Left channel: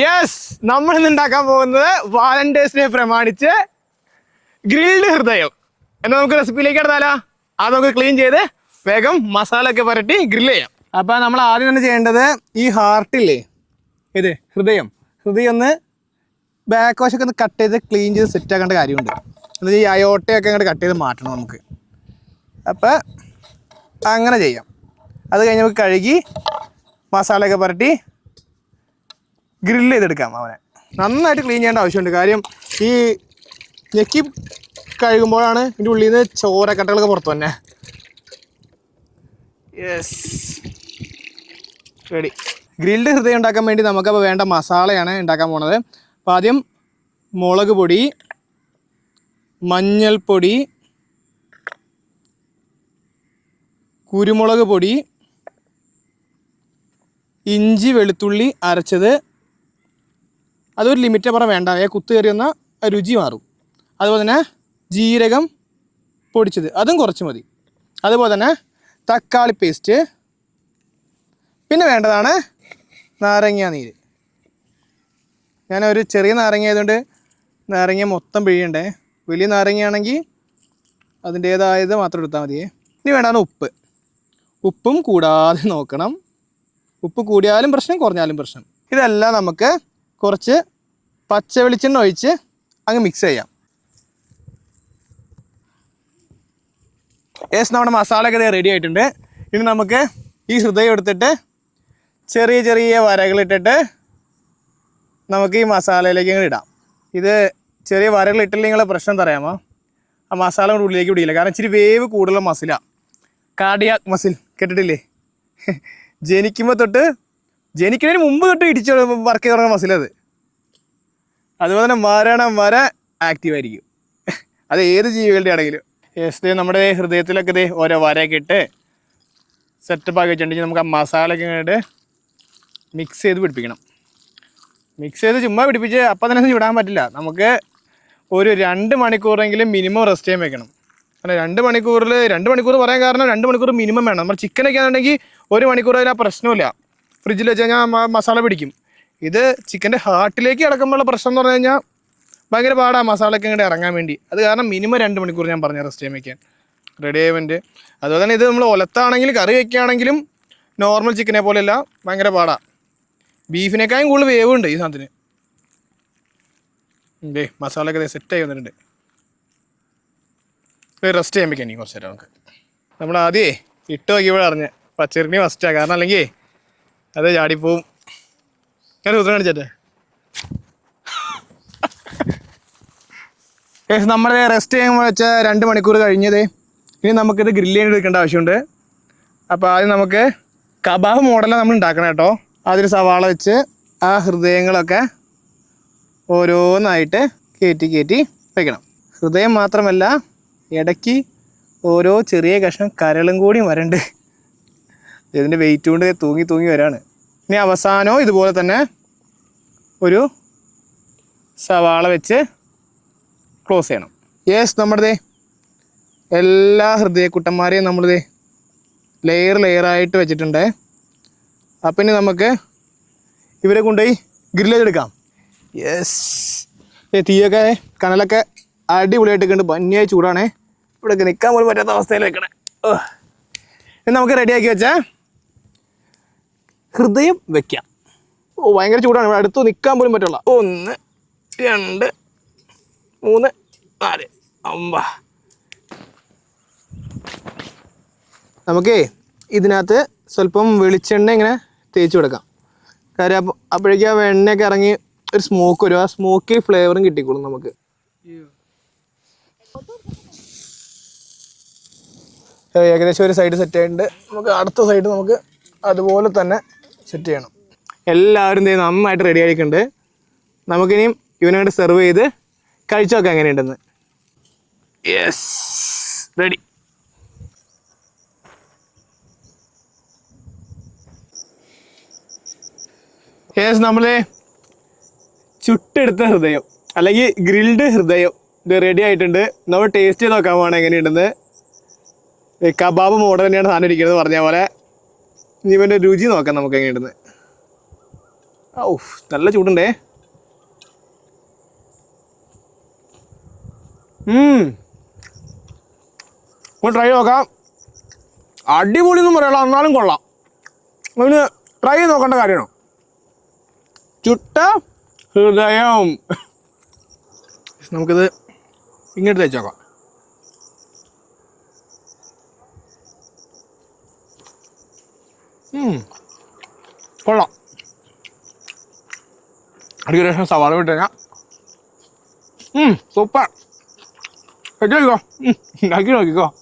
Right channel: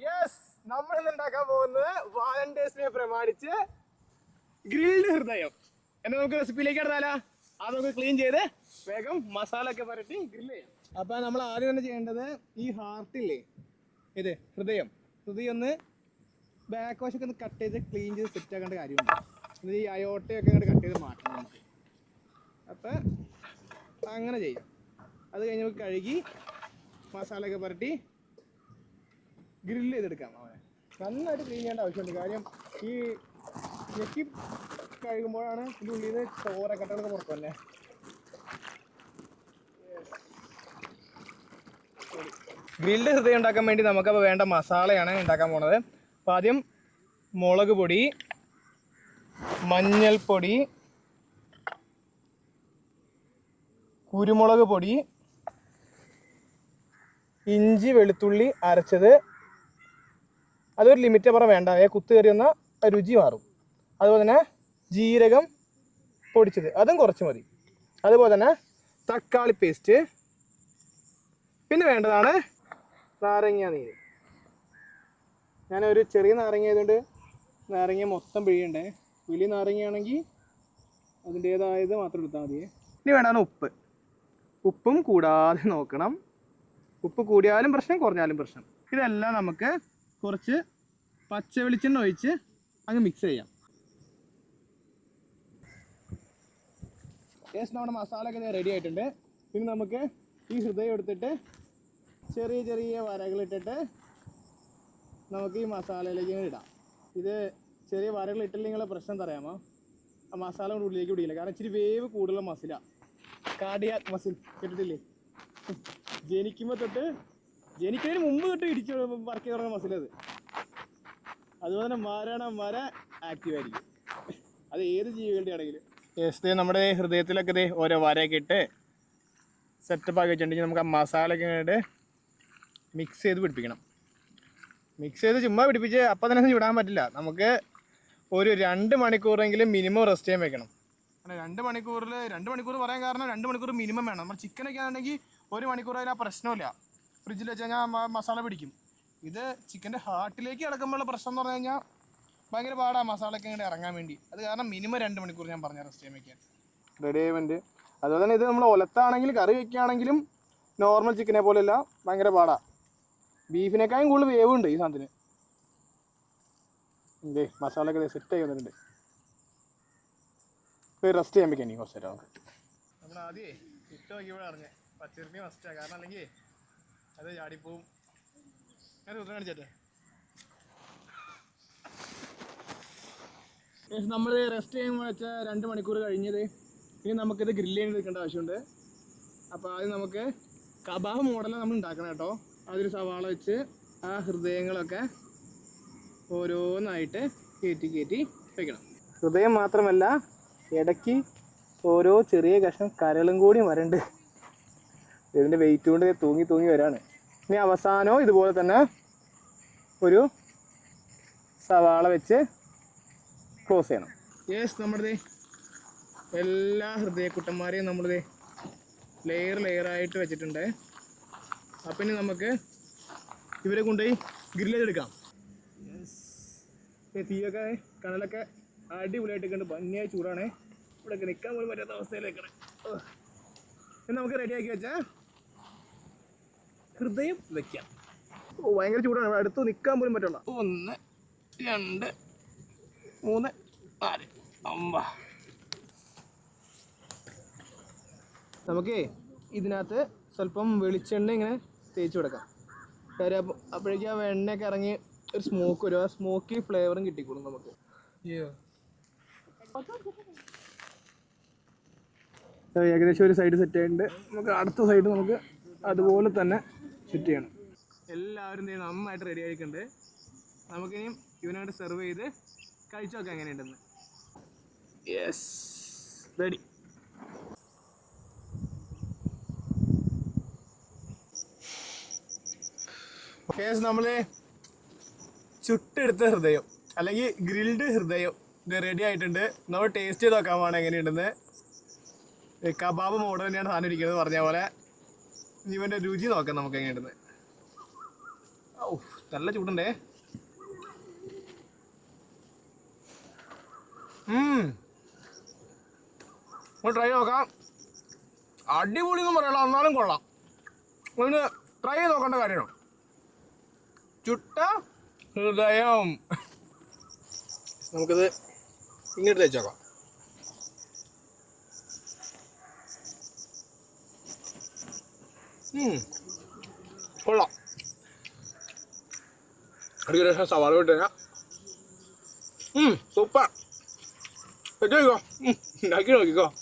Yes, നമ്മൾ ഇന്ന് ഉണ്ടാക്കാൻ പോകുന്നത് വാലന്റൈൻസ് ഡേ പ്രമാണിച്ച് ഗ്രിൽഡ് ഹൃദയം. എന്നാൽ നമുക്ക് റെസിപ്പിയിലേക്ക് എടുത്താലോ? അത് നമുക്ക് ക്ലീൻ ചെയ്ത് വേഗം മസാല ഒക്കെ പുരട്ടി ഗ്രില്ല് ചെയ്യാം. അപ്പം നമ്മൾ ആദ്യം തന്നെ ചെയ്യേണ്ടത് ഈ ഹാർട്ടില്ലേ, ഇത് ഹൃദയം ഒന്ന് ബാക്ക് വാഷൊക്കെ ഒന്ന് കട്ട് ചെയ്ത് ക്ലീൻ ചെയ്ത് സെറ്റ് ആക്കേണ്ട കാര്യമുണ്ട്. എന്നുവെച്ചാൽ ഈ അയോട്ടയൊക്കെ അങ്ങോട്ട് കട്ട് ചെയ്ത് മാറ്റണം നമുക്ക്. അപ്പം അങ്ങനെ ചെയ്യാം. അത് കഴിഞ്ഞ് നമുക്ക് കഴുകി മസാലയൊക്കെ പുരട്ടി ഗ്രില്ല് ചെയ്തെടുക്കാം. അവനെ നന്നായിട്ട് ക്ലീൻ ചെയ്യേണ്ട ആവശ്യമുണ്ട്. കാര്യം ഈ ഞെക്കി കഴുകുമ്പോഴാണ് ഇതിൻ്റെ ഉള്ളിൽ നിന്ന് ചോരക്കട്ടകളൊക്കെ പുറത്തു തന്നെ. Yes, ready. ഗ്രിൽഡ് ഹൃദയം ഉണ്ടാക്കാൻ വേണ്ടി നമുക്കപ്പോൾ വേണ്ട മസാലയാണ് ഉണ്ടാക്കാൻ പോണത്. അപ്പോൾ ആദ്യം മുളക് പൊടി, മഞ്ഞൾപ്പൊടി, കുരുമുളക് പൊടി, ഇഞ്ചി വെളുത്തുള്ളി അരച്ചത്, അതൊരു ലിമിറ്റ് പറഞ്ഞാൽ വേണ്ട, കുത്തു കയറി വന്നാൽ രുചി മാറും. അതുപോലെ തന്നെ ജീരകം പൊടിച്ചത്, അതും കുറച്ച് മതി. അതുപോലെ തന്നെ തക്കാളി പേസ്റ്റ്, പിന്നെ വേണ്ടതാണ് നാരങ്ങ നീര്. ഞാനൊരു ചെറിയ നാരങ്ങ ആയതുകൊണ്ട് നാരങ്ങ മൊത്തം പിഴിയണ്ടേ. വലിയ നാരങ്ങയാണെങ്കിൽ അതിൻ്റേതായത് മാത്രം എടുത്താൽ മതിയേ. ഇനി വേണ്ടതാണ് ഉപ്പ്. ഉപ്പും കൂടാതെ നോക്കണം. ഉപ്പ് കൂടിയാലും പ്രശ്നം, കുറഞ്ഞാലും പ്രശ്നം. ഇതെല്ലാം നമുക്ക് കുറച്ച് പച്ച വെളിച്ചെണ്ണ ഒഴിച്ച് അങ്ങ് മിക്സ് ചെയ്യാം. നമ്മുടെ മസാലയൊക്കെ റെഡി ആയിട്ടുണ്ട്. ഇനി നമുക്ക് ഈ ഹൃദയം എടുത്തിട്ട് ചെറിയ ചെറിയ വരകളിട്ടിട്ട് നമുക്ക് ഈ മസാലയിലേക്ക് ഇങ്ങനെ ഇടാം. ഇത് ചെറിയ വരകളിട്ടില്ലെങ്കിൽ പ്രശ്നം തരാമോ? ആ മസാല കൊണ്ട് ഉള്ളിലേക്ക് ഇടിയില്ല. കാരണം ഇച്ചിരി വേവ് കൂടുതലുള്ള മസിലാണ്. കാർഡിയാക് മസിൽ കേട്ടിട്ടില്ലേ? ജനിക്കുന്നതിന് മുമ്പ് തൊട്ട് ഇടിച്ച് വർക്ക് ചെയ്ത് തുടങ്ങുന്ന മസിലത്. അതുപോലെ തന്നെ മരണം വരെ ആക്റ്റീവായിരിക്കും. അത് ഏത് ജീവികളുടെ ആണെങ്കിലും. നമ്മുടെ ഹൃദയത്തിലൊക്കെ ഓരോ വരയൊക്കെ ഇട്ട് സെറ്റപ്പ് ആക്കി വെച്ചിട്ടുണ്ടെങ്കിൽ നമുക്ക് ആ മസാലയൊക്കെ ഇങ്ങോട്ട് മിക്സ് ചെയ്ത് പിടിപ്പിക്കണം. മിക്സ് ചെയ്ത് ചുമ്മാ പിടിപ്പിച്ച് അപ്പം തന്നെ ചുടാൻ പറ്റില്ല. നമുക്ക് ഒരു 2 മണിക്കൂറെങ്കിലും മിനിമം റെസ്റ്റ് ചെയ്യാൻ വെക്കണം. കാരണം 2 മണിക്കൂർ പറയാൻ കാരണം 2 മണിക്കൂർ മിനിമം വേണം. നമ്മൾ ചിക്കനൊക്കെ ആണെന്നുണ്ടെങ്കിൽ 1 മണിക്കൂർ അതിൽ ആ പ്രശ്നമില്ല. ഫ്രിഡ്ജിൽ വെച്ച് കഴിഞ്ഞാൽ മസാല പിടിക്കും. ഇത് ചിക്കൻ്റെ ഹാർട്ടിലേക്ക് കിടക്കുമ്പോഴുള്ള പ്രശ്നം എന്ന് പറഞ്ഞു കഴിഞ്ഞാൽ ഭയങ്കര പാടാണ് മസാലയൊക്കെ ഇങ്ങോട്ട് ഇറങ്ങാൻ വേണ്ടി. അത് കാരണം മിനിമം 2 മണിക്കൂർ ഞാൻ പറഞ്ഞ റെസ്റ്റ് ചെയ്യാൻ വയ്ക്കാൻ റെഡി ആയവൻ്റെ. അതുപോലെ തന്നെ ഇത് നമ്മൾ ഒലത്താണെങ്കിൽ കറി വയ്ക്കുകയാണെങ്കിലും നോർമൽ ചിക്കനെ പോലെയല്ല, ഭയങ്കര പാടാണ്. ബീഫിനേക്കാളും കൂടുതൽ വേവുണ്ട് ഈ സാധനത്തിന്. മസാലയൊക്കെ സെറ്റായി വന്നിട്ടുണ്ട്. റെസ്റ്റ് ചെയ്യാൻ വയ്ക്കാൻ കുറച്ച് നേരം നമുക്ക്. നമ്മൾ ആദ്യമേ ഇട്ട് നോക്കിയപ്പോഴാണ് അറിഞ്ഞ് പച്ചക്കറി ഫസ്റ്റാണ്. കാരണം അല്ലെങ്കിൽ അത് ചാടിപ്പോവും. ഞാൻ സൂത്രം കാണിച്ചേ. നമ്മൾ റെസ്റ്റ് ചെയ്യുമ്പോൾ വെച്ച 2 മണിക്കൂർ കഴിഞ്ഞത്. ഇനി നമുക്കിത് ഗ്രില്ല് ചെയ്ത് എടുക്കേണ്ട ആവശ്യമുണ്ട്. അപ്പോൾ ആദ്യം നമുക്ക് കബാബ് മോഡലാണ് നമ്മൾ ഉണ്ടാക്കണം കേട്ടോ. അതിൽ സവാള വെച്ച് ആ ഹൃദയങ്ങളൊക്കെ ഓരോന്നായിട്ട് കയറ്റി വയ്ക്കണം. ഹൃദയം മാത്രമല്ല, ഇടയ്ക്ക് ഓരോ ചെറിയ കഷ്ണം കരളും കൂടി വരണ്ട്. ഇതിൻ്റെ വെയിറ്റ് കൊണ്ട് തൂങ്ങി വരാണ്. ഇനി അവസാനവും ഇതുപോലെ തന്നെ ഒരു സവാള വെച്ച് ക്ലോസ് ചെയ്യണം. നമ്മുടെ എല്ലാ ഹൃദയക്കുട്ടന്മാരെയും നമ്മളിത് ലെയറായിട്ട് വെച്ചിട്ടുണ്ട്. അപ്പം ഇനി നമുക്ക് ഇവരെ കൊണ്ടുപോയി ഗ്രില്ല് ചെയ്തെടുക്കാം. തീയൊക്കെ കനലൊക്കെ അടിപൊളിയായിട്ട് കണ്ട് ഭംഗിയായി ചൂടാണേ. ഇവിടെയൊക്കെ നിൽക്കാൻ പോലും പറ്റാത്ത അവസ്ഥയിൽ വെക്കണേ. ഇനി നമുക്ക് റെഡിയാക്കി വെച്ചാൽ ഹൃദയം വെക്കാം. ഭയങ്കര ചൂടാണ്. ഇവിടെ അടുത്ത് നിൽക്കാൻ പോലും പറ്റുള്ള. 1 2 3 4 5. നമുക്കേ ഇതിനകത്ത് സ്വല്പം വെളിച്ചെണ്ണ ഇങ്ങനെ തേച്ച് കൊടുക്കാം. കാര്യം അപ്പോഴേക്കും ആ എണ്ണയൊക്കെ ഇറങ്ങി ഒരു സ്മോക്ക് വരും. ആ സ്മോക്കി ഫ്ലേവറും കിട്ടിക്കോളും നമുക്ക്. ഏകദേശം ഒരു സൈഡ് സെറ്റ് ആയിട്ടുണ്ട്. നമുക്ക് അടുത്ത സൈഡ് നമുക്ക് അതുപോലെ തന്നെ സെറ്റ് ചെയ്യണം. എല്ലാവരും നന്നായിട്ട് റെഡി ആയിട്ടുണ്ട്. നമുക്കിനിയും ഇവനായിട്ട് സെർവ് ചെയ്ത് കഴിച്ചു നോക്കാം എങ്ങനെയുണ്ടെന്ന്. റെഡി. നമ്മൾ ചുട്ടെടുത്ത ഹൃദയം അല്ലെങ്കിൽ ഗ്രിൽഡ് ഹൃദയം ഇത് റെഡി ആയിട്ടുണ്ട്. നമ്മൾ ടേസ്റ്റ് ചെയ്ത് നോക്കാൻ പോകണം എങ്ങനെയുണ്ടെന്ന്. കബാബ് മോഡൽ തന്നെയാണ് സാധനം ഇരിക്കുന്നത് പറഞ്ഞ പോലെ. ഇനി ഇവൻ്റെ രുചി നോക്കാം നമുക്ക് എങ്ങനെയുണ്ടെന്ന്. ഔ നല്ല ചൂടുണ്ടേ. ട്രൈ നോക്കാം. അടിപൊളിയൊന്നും പറയാനുള്ള, എന്നാലും കൊള്ളാം. അതിന് ട്രൈ ചെയ്ത് നോക്കേണ്ട കാര്യമാണോ? ചുട്ട ഹൃദയം. നമുക്കിത് ഇങ്ങോട്ട് തേച്ച് നോക്കാം. കൊള്ളാം. അടിപൊളി. സവാള വിട്ട് കഴിഞ്ഞാൽ സൂപ്പർ. കഴിച്ചോ, ഉണ്ടാക്കി നോക്കിക്കോ.